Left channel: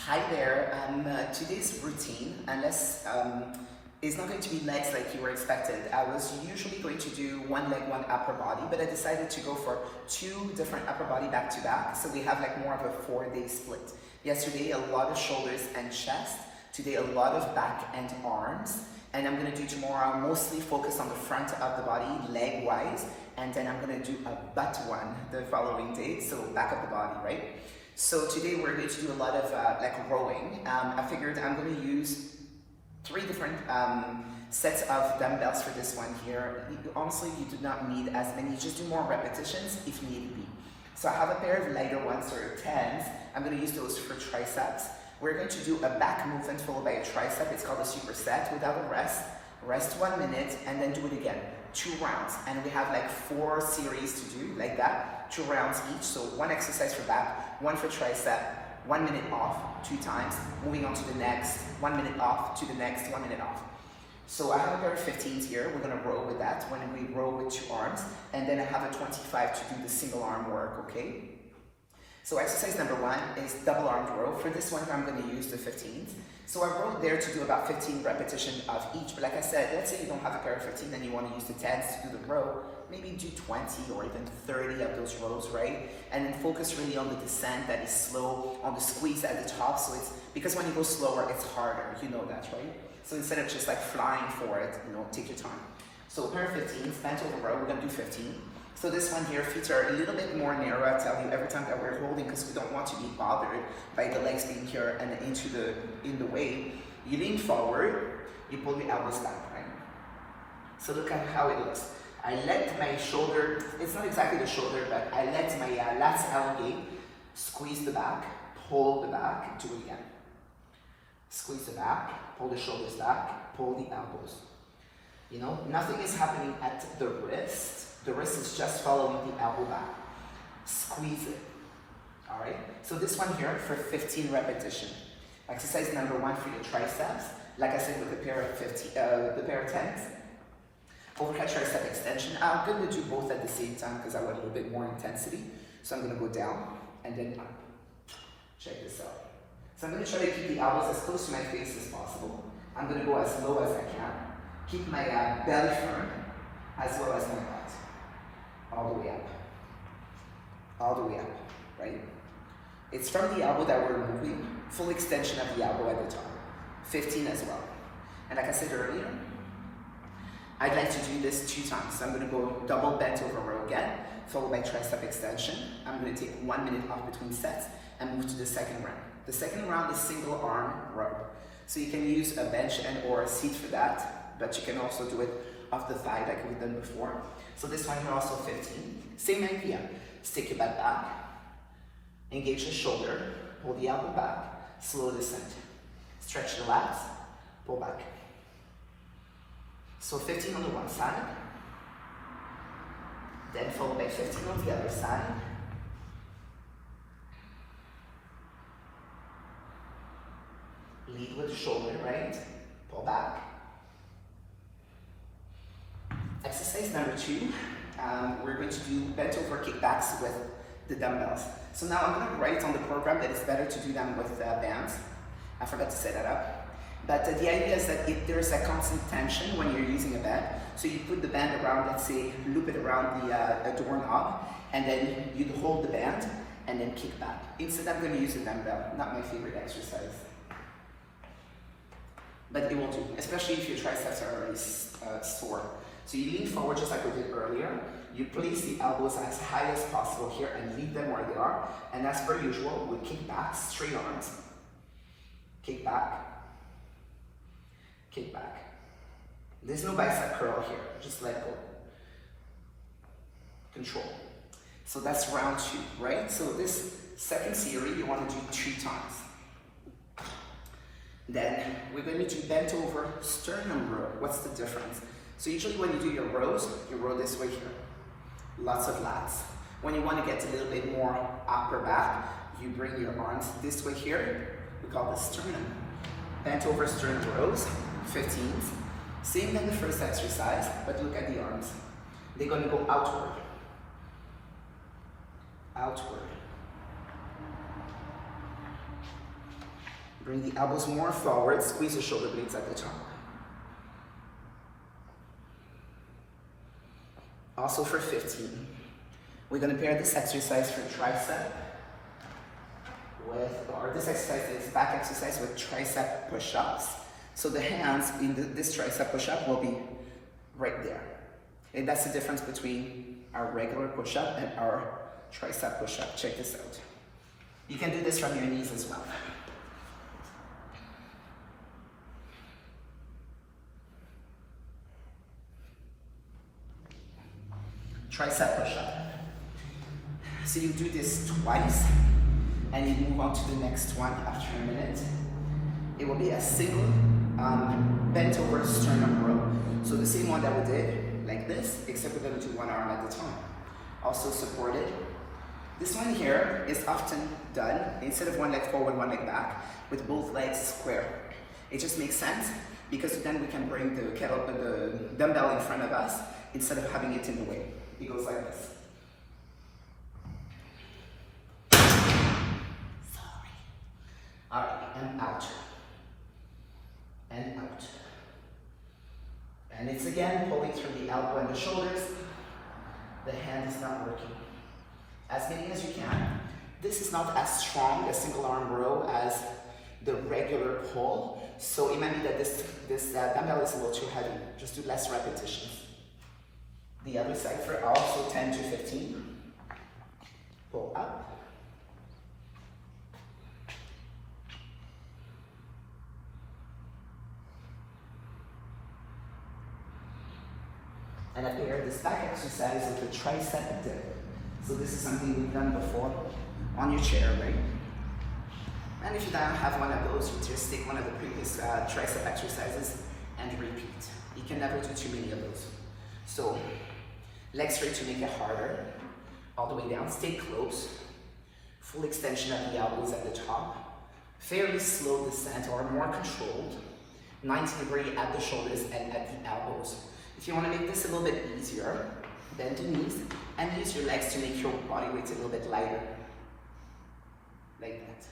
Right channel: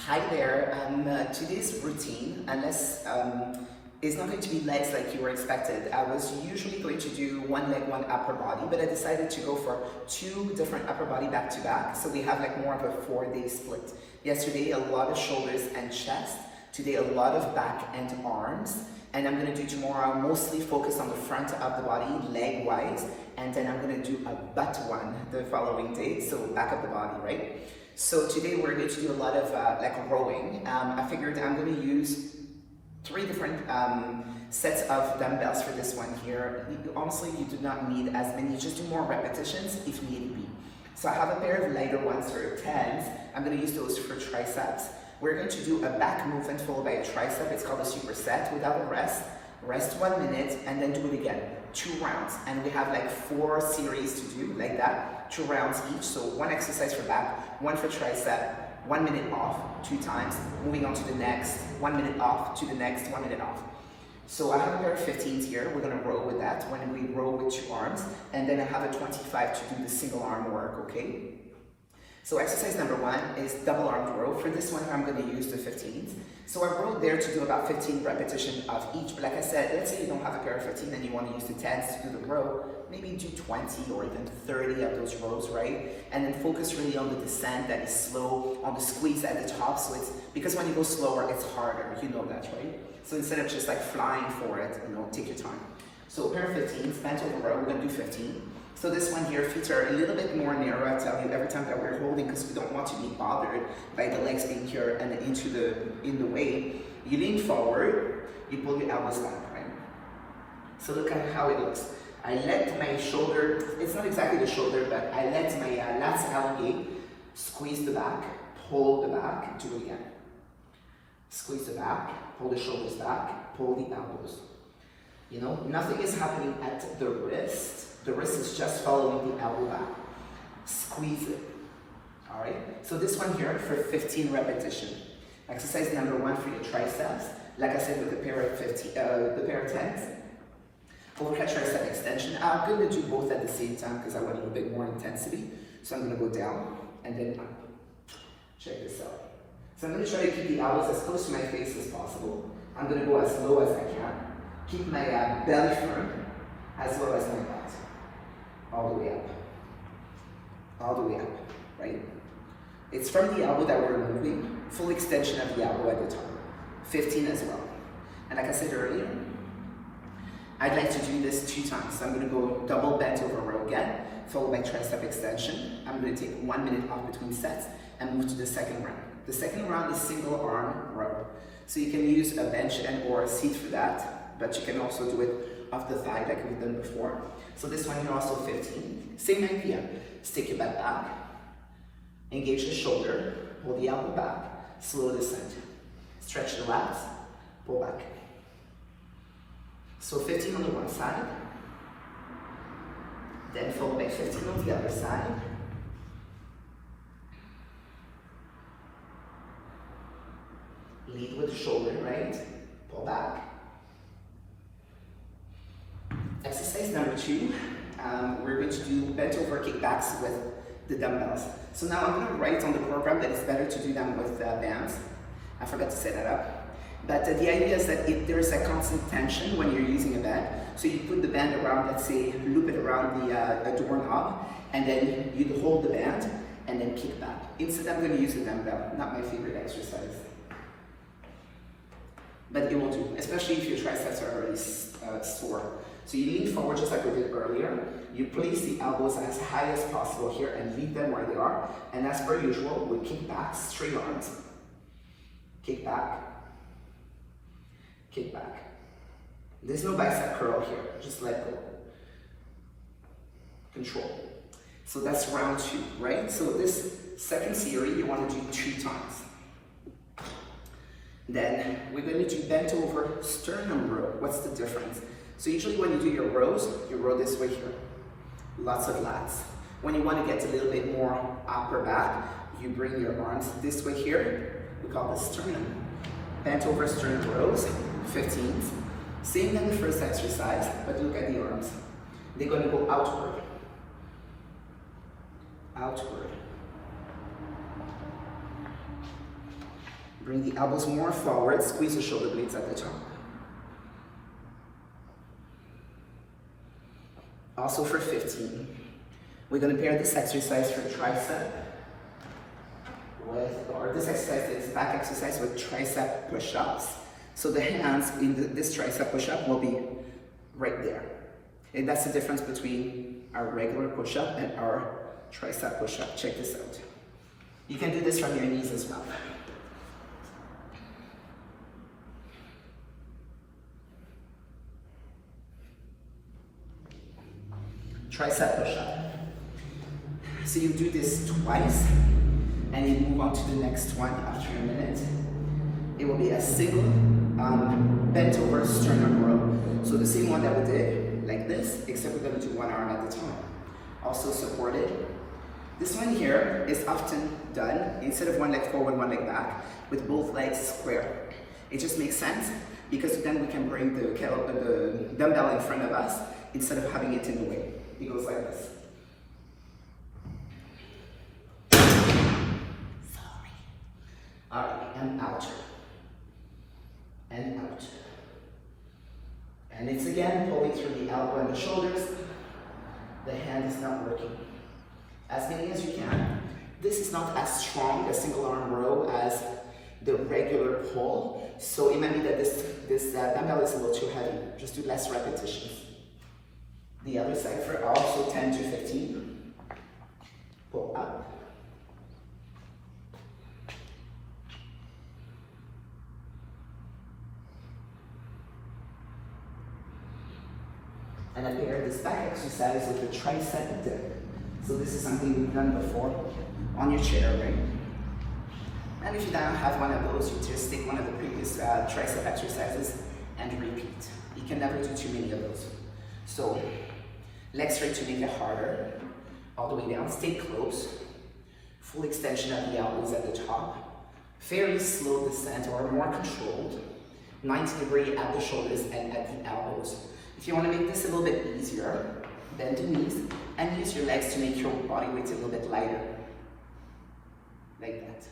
Hi there. Today's routine, unless is not going to be legs like you were expected. I was usually going to do one leg, one upper body, but I decided to go for two different upper body back to back. So we have like more of a 4-day split. Yesterday, a lot of shoulders and chest. Today, a lot of back and arms. And I'm gonna do tomorrow mostly focus on the front of the body, leg wise. And then I'm gonna do a butt one the following day. So back of the body, right? So today we're going to do a lot of like rowing. I figured I'm going to use 3 different sets of dumbbells for this one here. Honestly, you do not need as many, just do more repetitions if need be. So I have a pair of lighter ones for 10s. I'm going to use those for triceps. We're going to do a back movement followed by a tricep. It's called a superset without a rest. Rest 1 minute and then do it again, 2 rounds. And we have like 4 series to do like that, 2 rounds each. So 1 exercise for back, 1 for tricep, 1 minute off, 2 times, moving on to the next, 1 minute off to the next, 1 minute off. So I have a pair of 15s here. We're gonna row with that when we row with 2 arms. And then I have a 25 to do the single arm work, okay? So exercise number 1 is double armed row. For this one, I'm going to use the 15s. So I rowed there to do about 15 repetitions of each. But like I said, let's say you don't have a pair of 15 and you want to use the 10s to do the row. Maybe do 20 or even 30 of those rows, right? And then focus really on the descent that is slow, on the squeeze at the top. So it's, because when you go slower, it's harder. You know that, right? So instead of just like flying for it, you know, take your time. So a pair of 15s, bent over row, we're going to do 15. So this one here, feet are a little bit more narrow, I tell you, every time that we're holding, because we don't want to be bothered by the legs being here and in the way. You lean forward, you pull the elbows back, right? So look at how it looks. I let my shoulder, it's not exactly the shoulder, but I let my lats elongate, squeeze the back, pull the back, do it again. Squeeze the back, pull the shoulders back, pull the elbows. You know, nothing is happening at the wrist. The wrist is just following the elbow back. Squeeze it. All right? So this one here for 15 repetitions. Exercise number 1 for your triceps. Like I said, with a pair of 10s. Overhead tricep extension. I'm going to do both at the same time because I want a little bit more intensity. So I'm going to go down and then up. Check this out. So I'm going to try to keep the elbows as close to my face as possible. I'm going to go as low as I can. Keep my belly firm as well as my butt. All the way up. All the way up, right? It's from the elbow that we're moving, full extension of the elbow at the top. 15 as well. And like I said earlier, I'd like to do this 2 times. So I'm gonna go double bent over row again, followed by tricep extension. I'm gonna take 1 minute off between sets and move to the second round. The second round is single arm row. So you can use a bench and or a seat for that, but you can also do it off the thigh like we've done before. So this one here also 15. Same idea. Stick your butt back, engage the shoulder, pull the elbow back, slow descent. Stretch the lats, pull back. So 15 on the one side, then followed by 15 on the other side. Lead with the shoulder, right? Pull back. Exercise number 2, we're going to do bent over kickbacks with the dumbbells. So now I'm going to write on the program that it's better to do them with bands. I forgot to set that up. But the idea is that if there's a constant tension when you're using a band, so you put the band around, let's say, loop it around the doorknob, and then you hold the band, and then kick back. Instead, I'm going to use a dumbbell, not my favorite exercise. But it will do, especially if your triceps are already sore. So you lean forward just like we did earlier. You place the elbows as high as possible here and leave them where they are. And as per usual, we kick back, straight arms. Kick back. Kick back. There's no bicep curl here, just let go. Control. So that's round 2, right? So this second series, you want to do 2 times. Then we're going to do bent over sternum row. What's the difference? So usually when you do your rows, you row this way here. Lots of lats. When you want to get a little bit more upper back, you bring your arms this way here. We call this sternum. Bent over sternum rows, 15s. Same than the first exercise, but look at the arms. They're going to go outward. Outward. Bring the elbows more forward, squeeze the shoulder blades at the top. Also for 15, we're going to pair this exercise for tricep with, or this exercise is back exercise with tricep push-ups. So the hands in this tricep push-up will be right there. And that's the difference between our regular push-up and our tricep push-up. Check this out. You can do this from your knees as well. Tricep push-up. So you do this twice, and you move on to the next one after a minute. It will be a single bent over sternum row. So the same one that we did, like this, except we're going to do one arm at a time. Also supported. This one here is often done, instead of one leg forward, one leg back, with both legs square. It just makes sense, because then we can bring the dumbbell in front of us, instead of having it in the way. It goes like this. All right, and out. And out. And it's again pulling through the elbow and the shoulders. The hand is not working. As many as you can. This is not as strong a single arm row as the regular pull. So it might be that this dumbbell is a little too heavy. Just do less repetitions. The other side for also 10 to 15. Pull up. And I pair this back exercise with the tricep dip. So this is something we've done before on your chair, right? And if you don't have one of those, you just take one of the previous tricep exercises and repeat. You can never do too many of those. So legs straight to make it harder. All the way down, stay close. Full extension of the elbows at the top. Fairly slow descent, or more controlled. 90-degree at the shoulders and at the elbows. If you want to make this a little bit easier, bend the knees and use your legs to make your body weight a little bit lighter. Like that.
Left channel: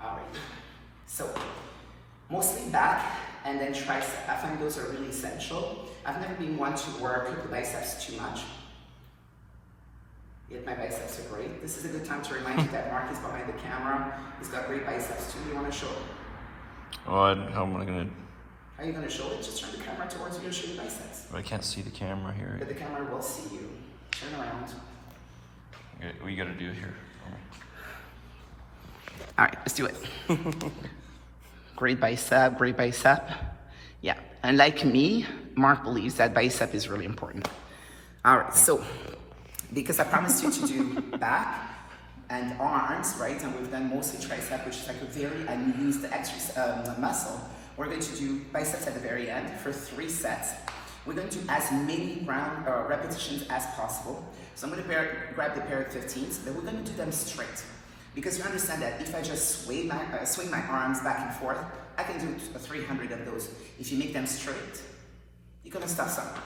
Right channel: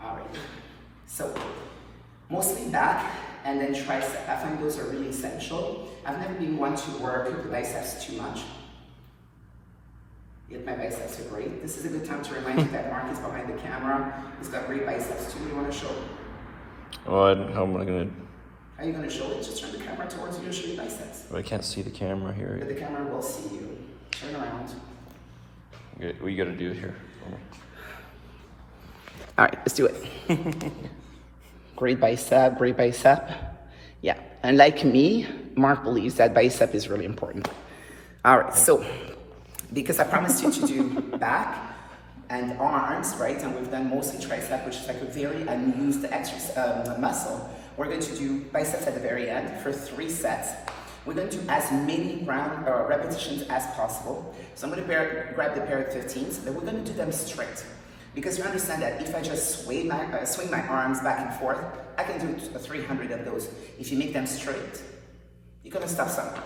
All right. So, mostly back and then tricep. I find those are really essential. I've never been one to work the biceps too much. Yet my biceps are great. This is a good time to remind you that Mark is behind the camera. He's got great biceps too. You want to show it? Oh, how am I doing? How are you going to show it? Just turn the camera towards you to show your biceps. I can't see the camera here. But the camera will see you. Turn around. What you got to do here? Yeah. All right, let's do it. Great bicep, great bicep. Yeah, and like me, Mark believes that bicep is really important. All right, so because I promised you to do back and arms, right? And we've done mostly tricep, which is like a very unused exercise muscle. We're going to do biceps at the very end for 3 sets. We're going to do as many repetitions as possible. So I'm going to grab the pair of 15s, but we're going to do them straight. Because you understand that if I just swing my arms back and forth, I can do 300 of those. If you make them straight, you're going to stop somewhere.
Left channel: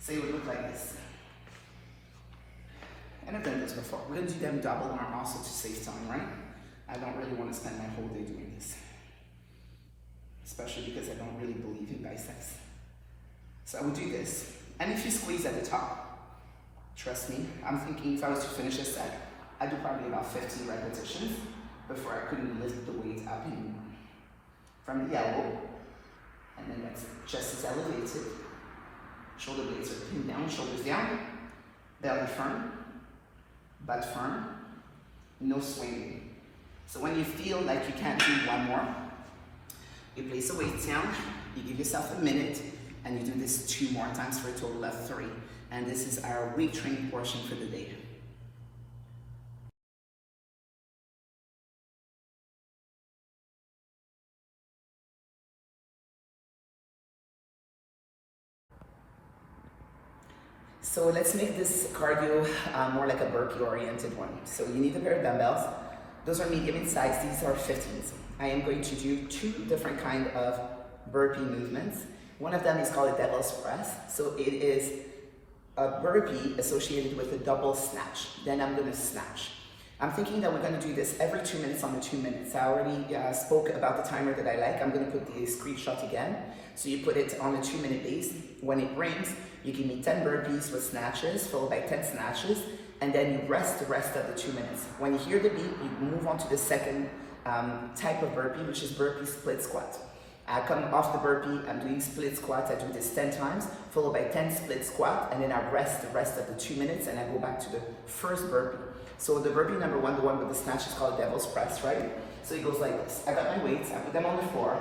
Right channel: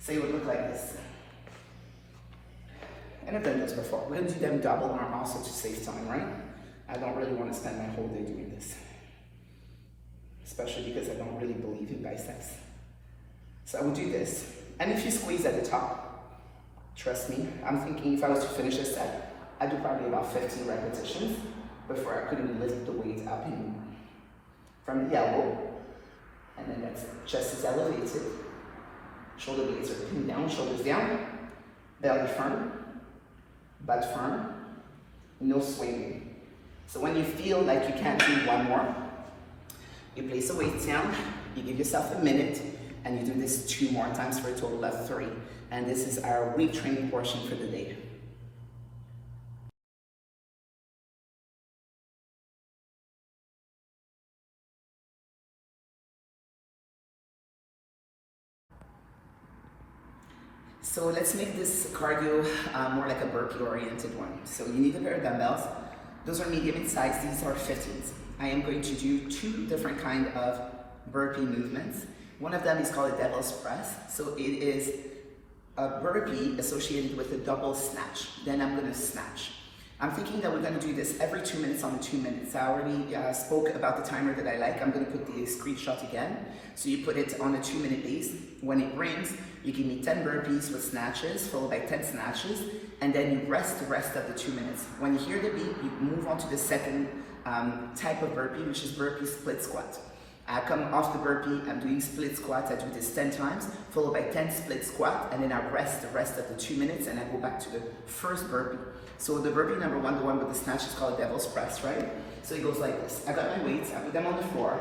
So it would look like this. And I've done this before. We're going to do them double arm also to save time, right? I don't really want to spend my whole day doing this. Especially because I don't really believe in biceps. So I will do this. And if you squeeze at the top, trust me, I'm thinking if I was to finish a set, I'd do probably about 15 repetitions before I couldn't lift the weight up anymore. From the elbow, and then that's chest is elevated, shoulder blades are pinned down, shoulders down, belly firm, butt firm, no swinging. So when you feel like you can't do one more, you place the weight down, you give yourself a minute, and you do this 2 more times for a total of 3. And this is our weight training portion for the day. So let's make this cardio more like a burpee oriented one. So you need a pair of dumbbells. Those are medium in size, these are 50s. I am going to do 2 different kind of burpee movements. One of them is called a devil's press. So it is a burpee associated with a double snatch. Then I'm going to snatch. I'm thinking that we're going to do this every 2 minutes on the 2 minutes. I already spoke about the timer that I like. I'm going to put the screenshot again. So you put it on a 2 minute base. When it rings, you give me 10 burpees with snatches, followed by 10 snatches, and then you rest the rest of the 2 minutes. When you hear the beep, you move on to the second type of burpee, which is burpee split squat. I come off the burpee, I'm doing split squat, I do this 10 times, followed by 10 split squat, and then I rest the rest of the 2 minutes, and I go back to the first burpee. So the burpee number one, the one with the snatch, is called devil's press, right? So it goes like this. I got my weights, I put them on the floor,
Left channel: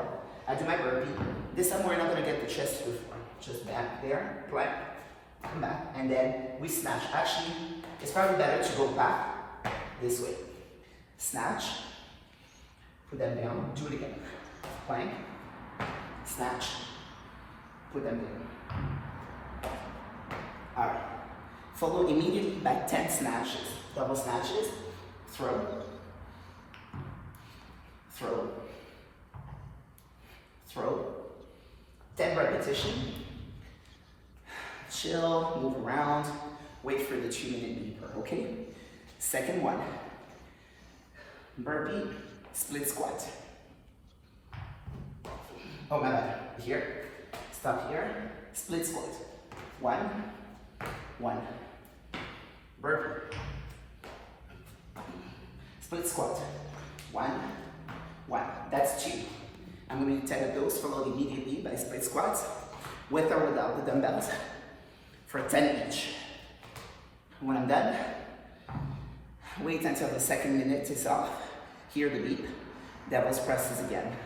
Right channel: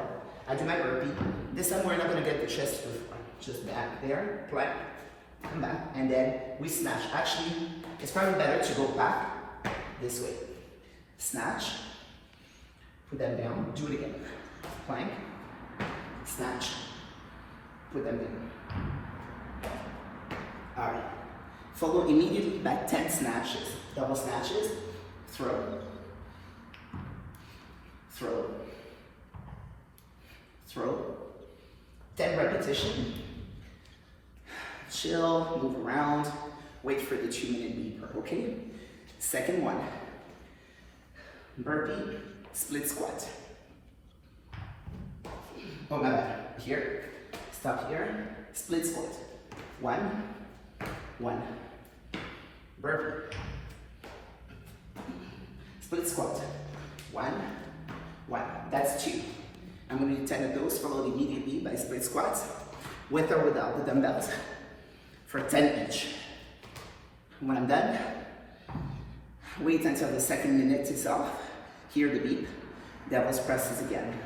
I do my burpee. This time we're not gonna get the chest before, just back there, plank, come back, and then we snatch. Actually, it's probably better to go back this way. Snatch, put them down, do it again. Plank, snatch, put them down. All right. Follow immediately by 10 snatches. Double snatches, throw, throw, throw. 10 repetitions. Chill, move around, wait for the 2 minute beeper, okay? Second one, burpee, split squat. Oh my bad, here, stop here, split squat. 1, 1. Burpee. Split squat. 1, 1. That's 2. I'm going to do 10 of those, followed immediately by split squats, with or without the dumbbells, for 10 each. When I'm done, wait until the second minute is off. Hear the beep. Devil's presses again.